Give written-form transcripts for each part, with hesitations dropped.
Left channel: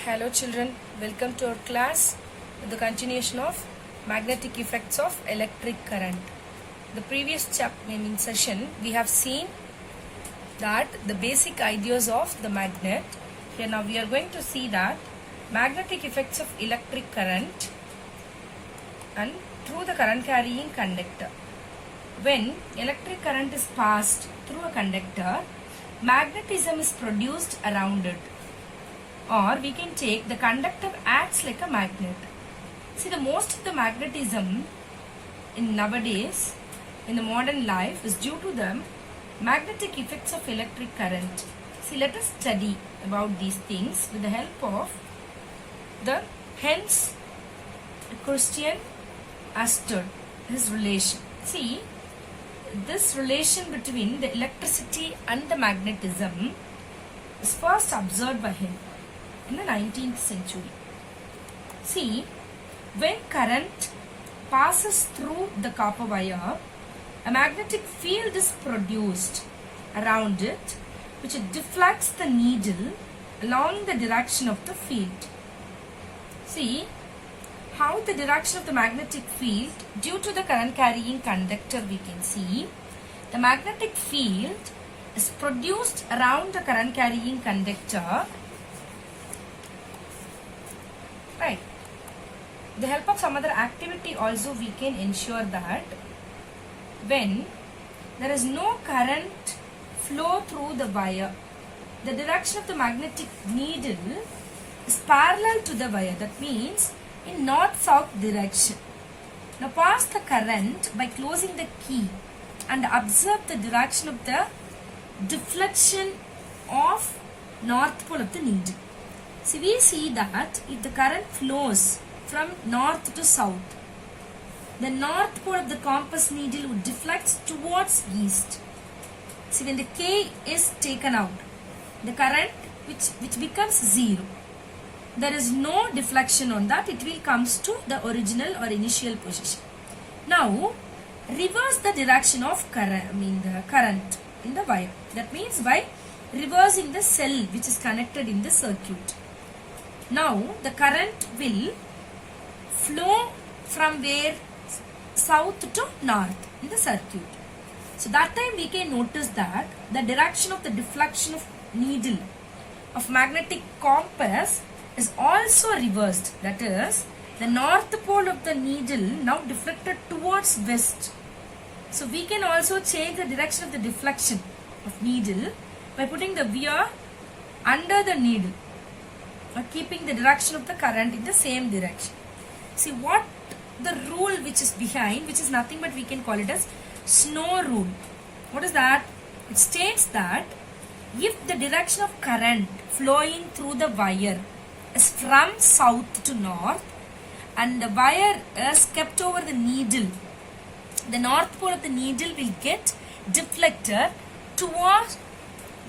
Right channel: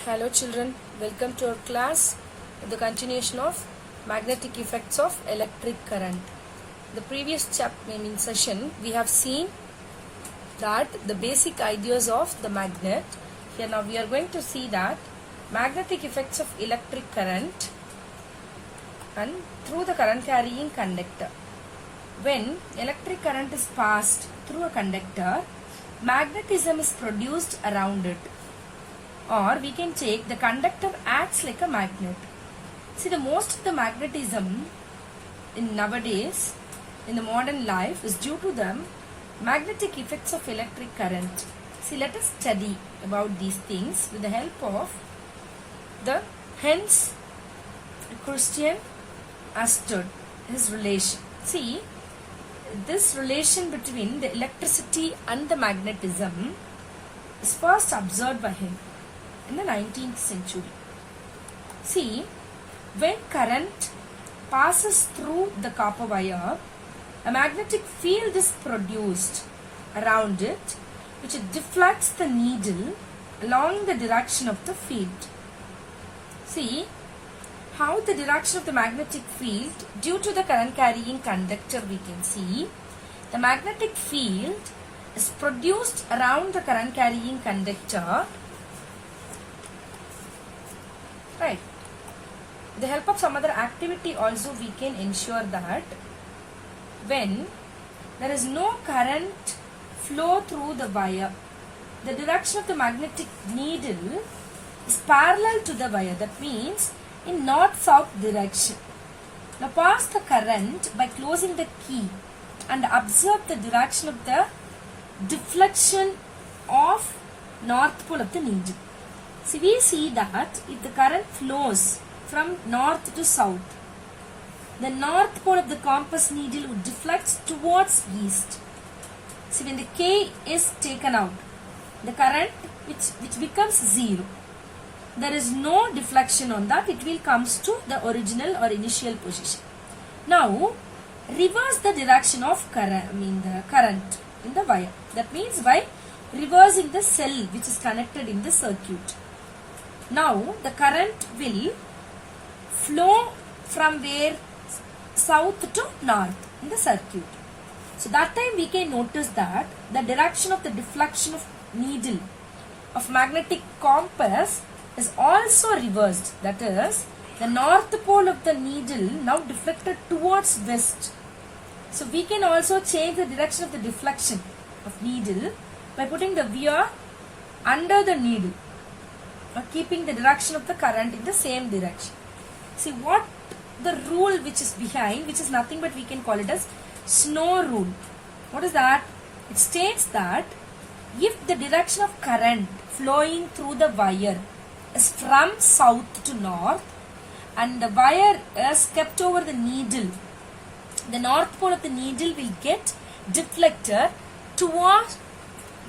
Hello children, welcome to our class, the continuation of magnetic effects of electric current. The previous session we have seen that the basic ideas of the magnet. Here now we are going to see that magnetic effects of electric current and through the current carrying conductor. When electric current is passed through a conductor, magnetism is produced around it. Or we can take the conductor acts like a magnet. See, the most of the magnetism in nowadays in the modern life is due to the magnetic effects of electric current. See, let us study about these things with the help of the Hans Christian Ørsted, his relation. See, this relation between the electricity and the magnetism is first observed by him in the 19th century. See, when current passes through the copper wire, a magnetic field is produced around it, which deflects the needle along the direction of the field. See how the direction of the magnetic field due to the current carrying conductor, we can see the magnetic field is produced around the current carrying conductor. Right. With the help of some other activity also we can ensure that when there is no current flow through the wire, the direction of the magnetic needle is parallel to the wire. That means in north-south direction. Now pass the current by closing the key and observe the direction of the deflection of north pole of the needle. See, we see that if the current flows from north to south, the north pole of the compass needle would deflect towards east. See, when the K is taken out, the current which becomes 0. There is no deflection on that. It will comes to the original or initial position. Now, reverse the direction of the current in the wire. That means by reversing the cell which is connected in the circuit. Now, the current will flow from where? South to north in the circuit. So, that time we can notice that the direction of the deflection of needle of magnetic compass is also reversed. That is, the north pole of the needle now deflected towards west. So, we can also change the direction of the deflection of needle by putting the wire under the needle, or keeping the direction of the current in the same direction. See what the rule which is behind, which is nothing but we can call it as Snow rule. What is that? It states that if the direction of current flowing through the wire is from south to north and the wire is kept over the needle, the north pole of the needle will get deflected towards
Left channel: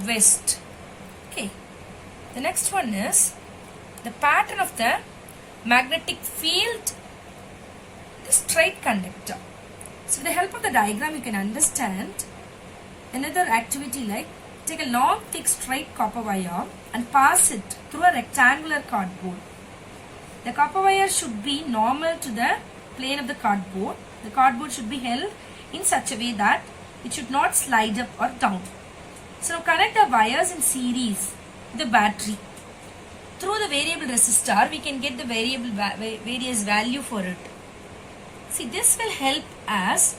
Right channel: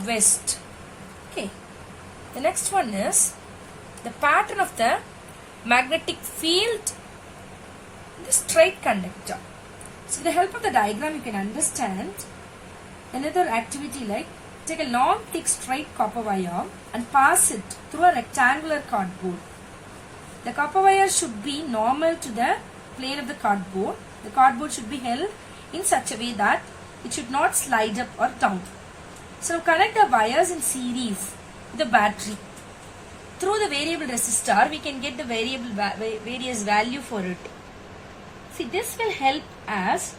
west. Okay. The next one is the pattern of the magnetic field in the straight conductor. So with the help of the diagram you can understand another activity like take a long thick straight copper wire and pass it through a rectangular cardboard. The copper wire should be normal to the plane of the cardboard. The cardboard should be held in such a way that it should not slide up or down. So connect the wires in series to the battery. Through the variable resistor, we can get the various value for it. See, this will help us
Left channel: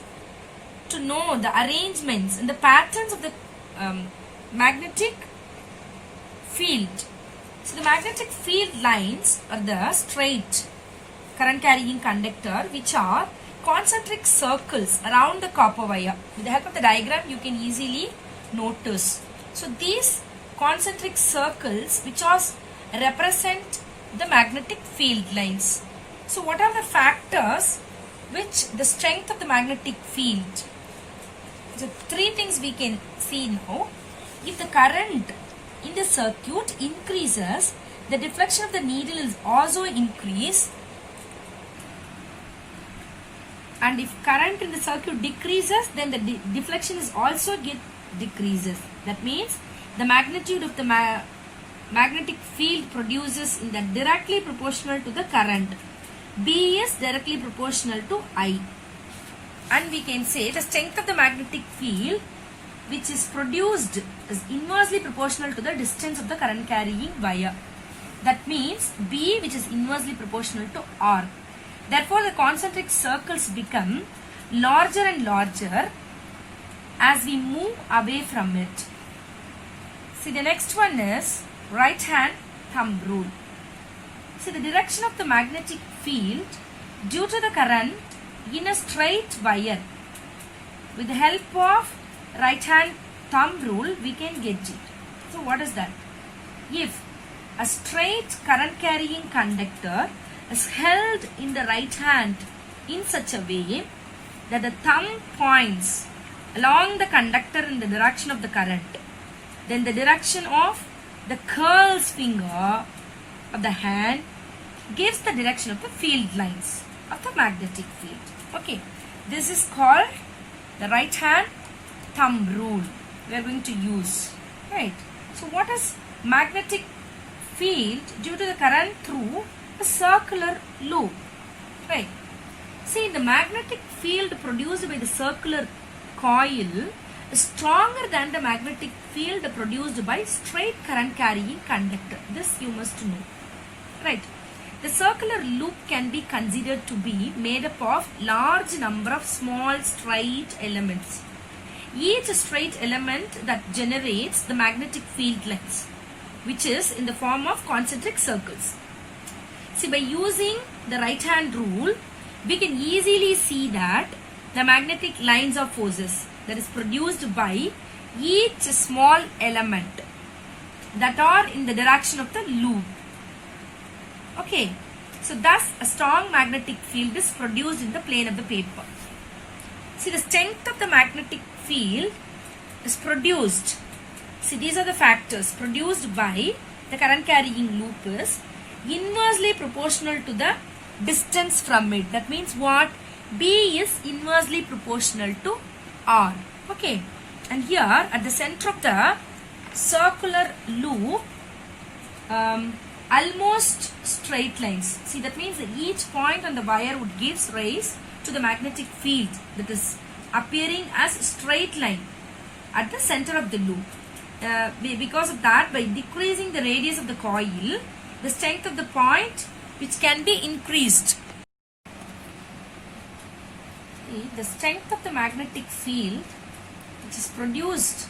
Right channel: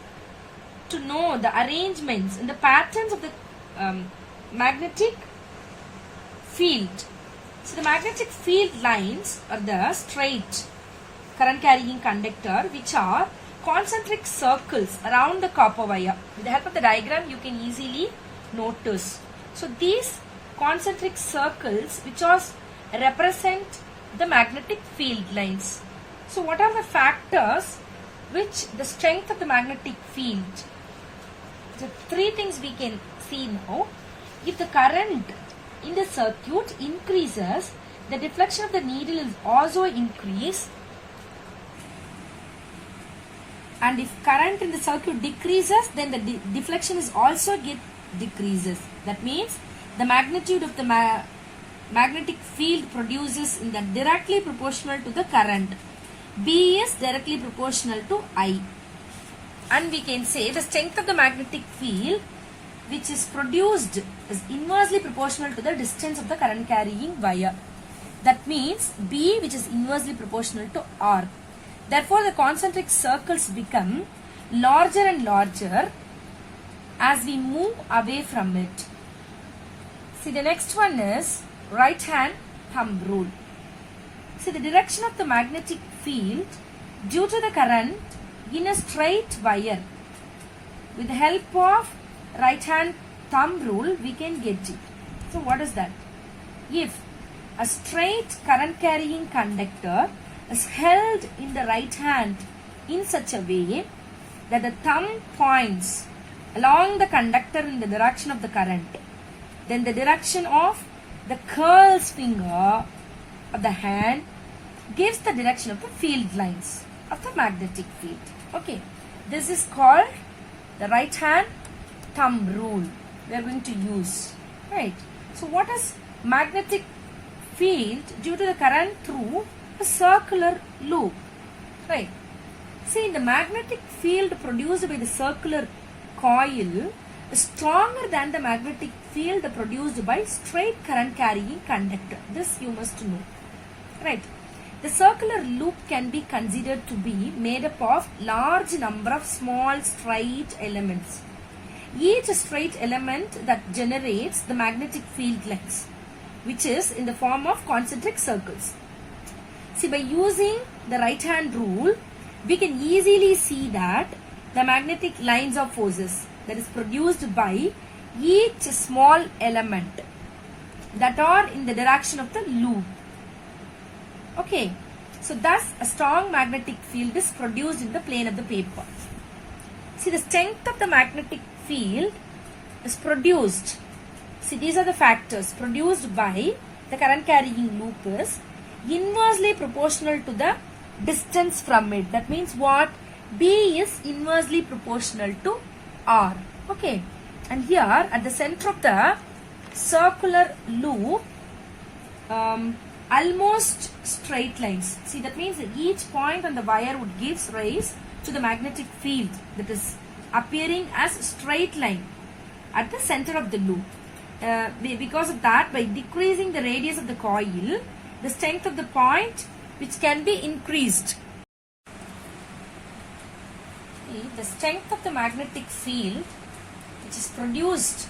to know the arrangements and the patterns of the magnetic field. So, the magnetic field lines are the straight current carrying conductor, which are concentric circles around the copper wire. With the help of the diagram, you can easily notice. So, these concentric circles which represent the magnetic field lines. So, what are the factors which the strength of the magnetic field? So, three things we can see now. If the current in the circuit increases, the deflection of the needle is also increased. And if current in the circuit decreases, then the deflection is also decreases. That means the magnitude of the magnetic field produces in the directly proportional to the current. B is directly proportional to I. And we can say the strength of the magnetic field which is produced is inversely proportional to the distance of the current carrying wire. That means B, which is inversely proportional to R. Therefore, the concentric circles become larger and larger as we move away from it. See, the next one is right hand thumb rule. See, the direction of the magnetic field due to the current in a straight wire. With the help of right hand thumb rule, we can get it. So, what is that? If a straight current carrying conductor is held in the right hand in such a way that the thumb points along the conductor in the direction of the current, then the direction of the curl's finger of the hand gives the direction of the field lines of the magnetic field. Okay, this is called the right hand thumb rule we are going to use, right? So what is magnetic field due to the current through a circular loop, right? See, the magnetic field produced by the circular coil is stronger than the magnetic field produced by straight current carrying conductor. This you must know, right? The circular loop can be considered to be made up of large number of small straight elements. Each straight element that generates the magnetic field lines, which is in the form of concentric circles. See, by using the right hand rule, we can easily see that the magnetic lines of forces that is produced by each small element that are in the direction of the loop. Okay, so thus a strong magnetic field is produced in the plane of the paper. See, the strength of the magnetic field is produced. See, these are the factors produced by the current carrying loop is inversely proportional to the distance from it. That means what? B is inversely proportional to R. Okay, and here at the center of the circular loop, almost straight lines. See, that means that each point on the wire would give rise to the magnetic field that is appearing as straight line at the center of the loop. Because of that, by decreasing the radius of the coil, the strength of the point which can be increased. The strength of the magnetic field which is produced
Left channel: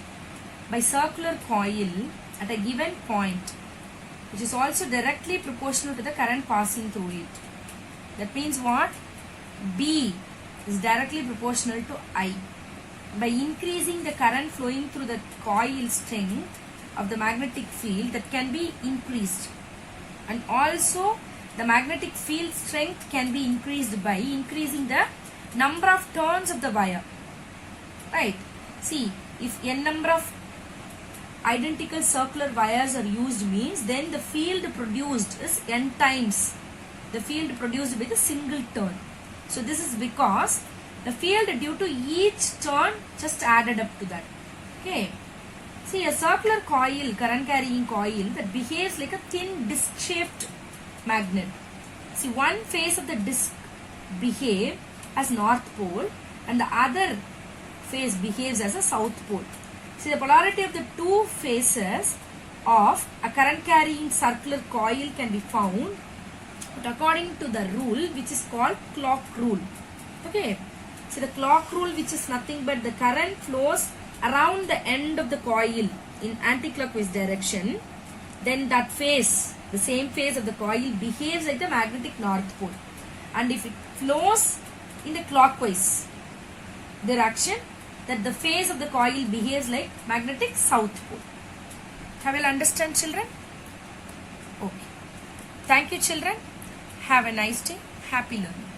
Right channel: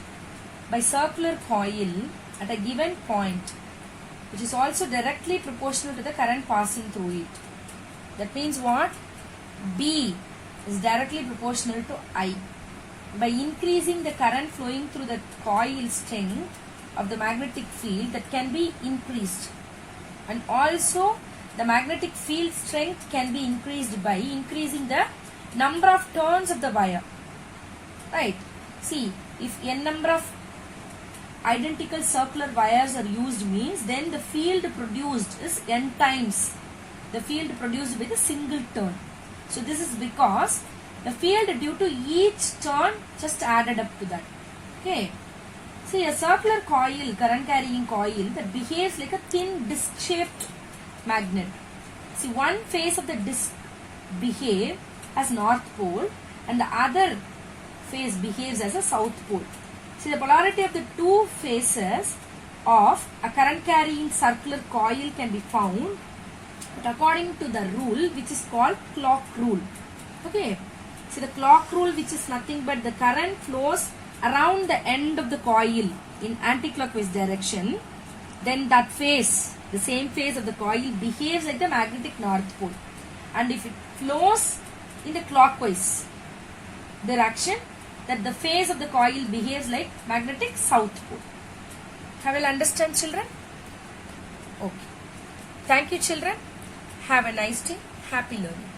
by circular coil at a given point, which is also directly proportional to the current passing through it. That means what? B is directly proportional to I. By increasing the current flowing through the coil strength of the magnetic field, that can be increased. And also the magnetic field strength can be increased by increasing the number of turns of the wire. Right? See, if n number of identical circular wires are used means then the field produced is n times the field produced with a single turn. So this is because the field due to each turn just added up to that. Okay. See, a circular coil, current carrying coil that behaves like a thin disc shaped magnet. See, one face of the disc behave as north pole and the other face behaves as a south pole. See, the polarity of the two faces of a current carrying circular coil can be found according to the rule which is called clock rule. Okay. So the clock rule, which is nothing but the current flows around the end of the coil in anti-clockwise direction, then that face, the same face of the coil behaves like the magnetic north pole. And if it flows in the clockwise direction, that the face of the coil behaves like magnetic south pole. Have you understand, children? Okay. Thank you, children. Have a nice day. Happy learning.